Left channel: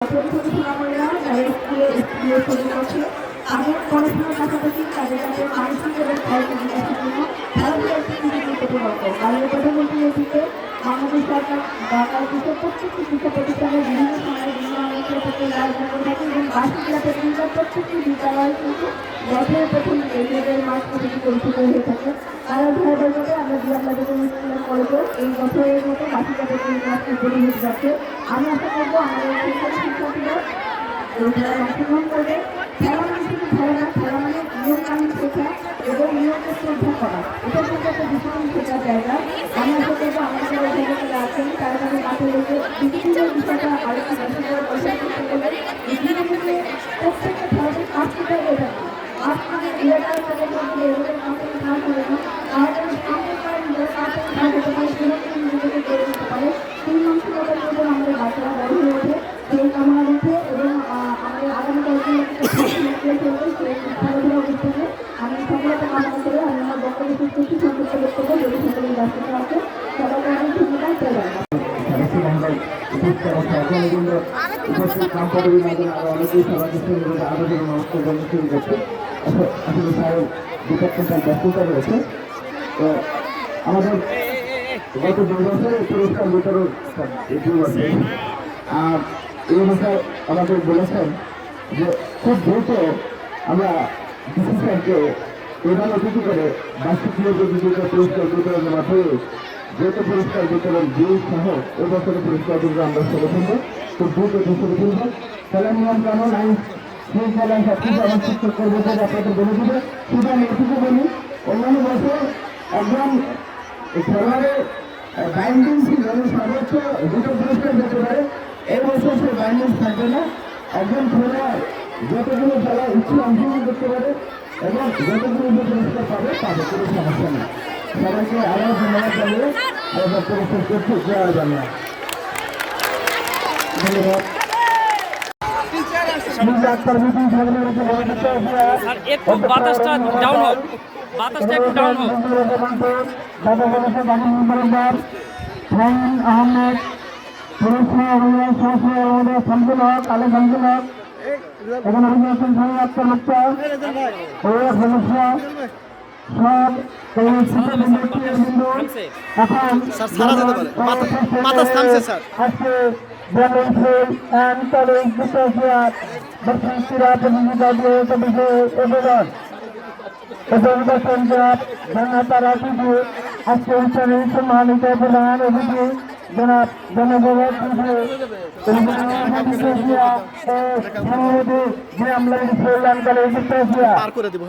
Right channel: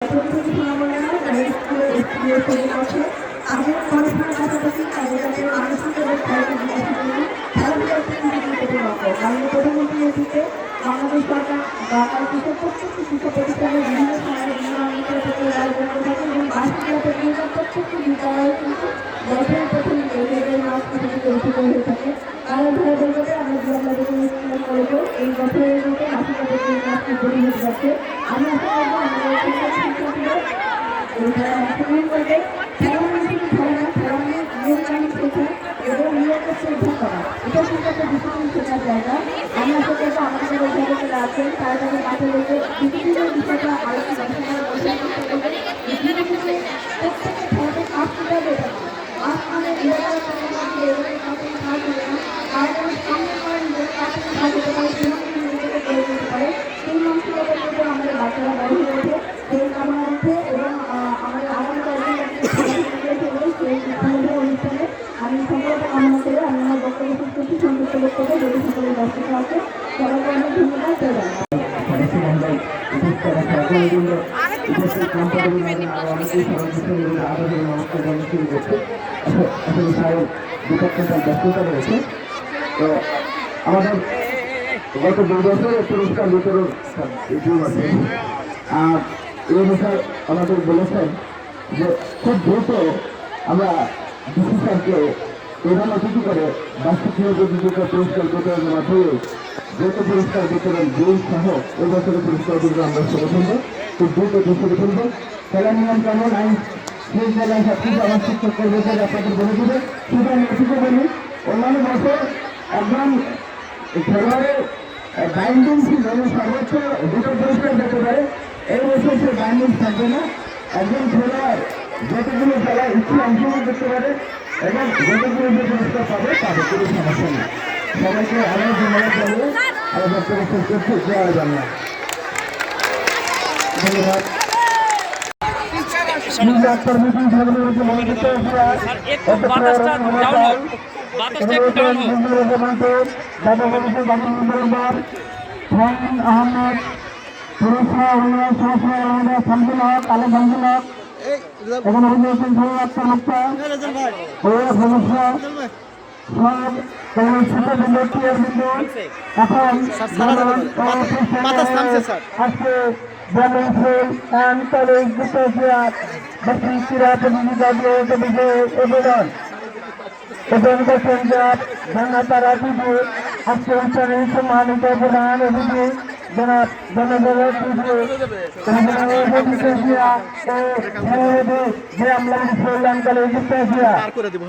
ছোট ছোট ছেলেমেয়েরা যারা স্কুলে পড়ে আছে তাদের পড়াশোনার পাশাপাশি তাদের কাছে মানসিক এবং শারীরিক বিকাশের জন্য খেলাধুলার একটি গুরুত্বপূর্ণ অঙ্গ। মাননীয় প্রধানমন্ত্রীর নেতৃত্বে বাংলাদেশ সরকার বাংলাদেশের প্রত্যেকটি শিক্ষা প্রতিষ্ঠানের বিভিন্ন সময়ে বিভিন্ন অনুষ্ঠান প্রতিযোগিতার আয়োজন করে থাকে এবং বার্ষিক ক্রীড়া প্রতিযোগিতার প্রত্যেকটি বিদ্যালয়ে কিন্তু বছরের প্রথম এই মাস প্রতিযোগিতা অনুষ্ঠিত হয়ে থাকে। তার ধারাবাহিকতায় আমরা জিয়া স্কুল কলেজেও এই বছরের মতো বার্ষিক ক্রীড়া প্রতিযোগিতা শুরু হতে যাচ্ছে। আমি আশা করবো আমাদের শিক্ষার্থীরা অংশগ্রহণ করবে। খেলা মানে শুধু খেলা না, খেলা মানে নিয়ম কানুন শেখা এবং নিয়মকে শ্রদ্ধা করা, এটা কিন্তু একটা ডিসিপ্লিন শেখার জায়গা। আমি আশা করবো আমাদের এখানে যারা আছেন তারা তাদের মাথায় রেখে বিভিন্ন বিষয়টা আরেকটি প্রত্যেকটা খেলাতে কাজ করতে হবে। এটা আজ মানে নিরাপদ করে বলতে এদের কাছে কাজ করে না, কারণ সামনে কারণ কাজ করতে পারে নিজেকে করে দিতে পারে সেই মানসিকতার মধ্যে আমাদের বাচ্চারা বাড়ি হয়েছে সেই কারণে হচ্ছে এবং আমাদের আগামী আমি সেগুলো কামনা করে আমি আমার বক্তব্য শেষ করছি। সংযুক্ত বক্তব্য যদি সকলের ব্যস্ততা আছে সবাইকে অনেক ধন্যবাদ চলে ব্যস্ততা রয়েছে। তো আমাদের গত 2 বছর পুরস্কার বিতরণ আর এই অনুসারে আমাদের বলেছেন যে খুব দ্রুত আমরা ডিসি স্যারকে এভাবে অতিথি করে বার্ষিক প্রতিযোগিতা পুরস্কার বিতরণ মাধ্যমে দ্রুত পুরস্কার বিতরণ বই সহ এই বছরের পুরস্কার দিকে আমরা ছেড়ে ফেলব, খুব দ্রুত ঘোষণা ফেলব। খেলার নিয়ম কানুন আইন শৃঙ্খলা সবকিছু আমার শিক্ষক কর্মীদের একসাথে বলে দেবে। শুধু আমি এটুকু বলি, অন্যান্য বছর একজন খেলোয়াড়ের বাইন্ডিং ছিল সর্বোচ্চ 2টা পুরস্কার পেতে পারে, এই বছর সে বাইন্ডিং থাকবে না। একজন খেলোয়াড় যতগুলো খেলায় ইচ্ছে অংশগ্রহণ করতে পারে এবং যতগুলো যে পুরস্কার পাবে তাদের কোনো সমস্যা নেই। সবাইকে আরও ধন্যবাদ জানিয়ে আমার বক্তব্য শেষ করছি। জয় বাংলা। ধন্যবাদ। আহমেদ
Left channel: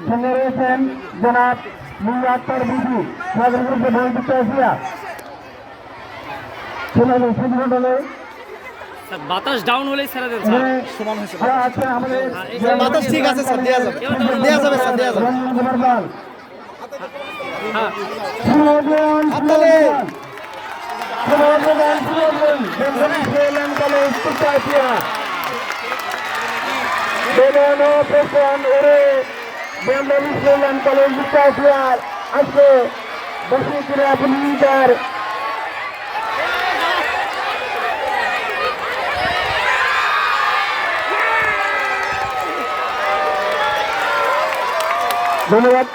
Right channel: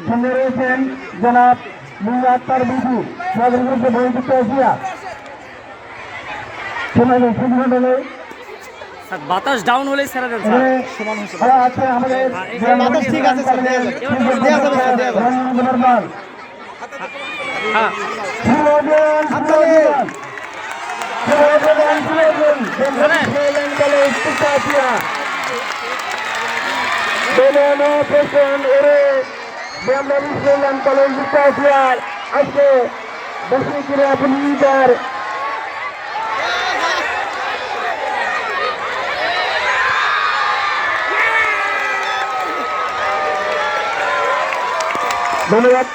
এখানে হয়েছেন সব জনাব মুআত্তার বিজু বাতাস ডাউন হলেই ছেড়ে দেন স্যার, সমান হয়েছে বাতাস ঠিক আছে স্যার, দেয়া যাবে স্যার, দেয়া যাবে। হ্যাঁ হাততালি। আজকে বসে আপনি ধন্যবাদ।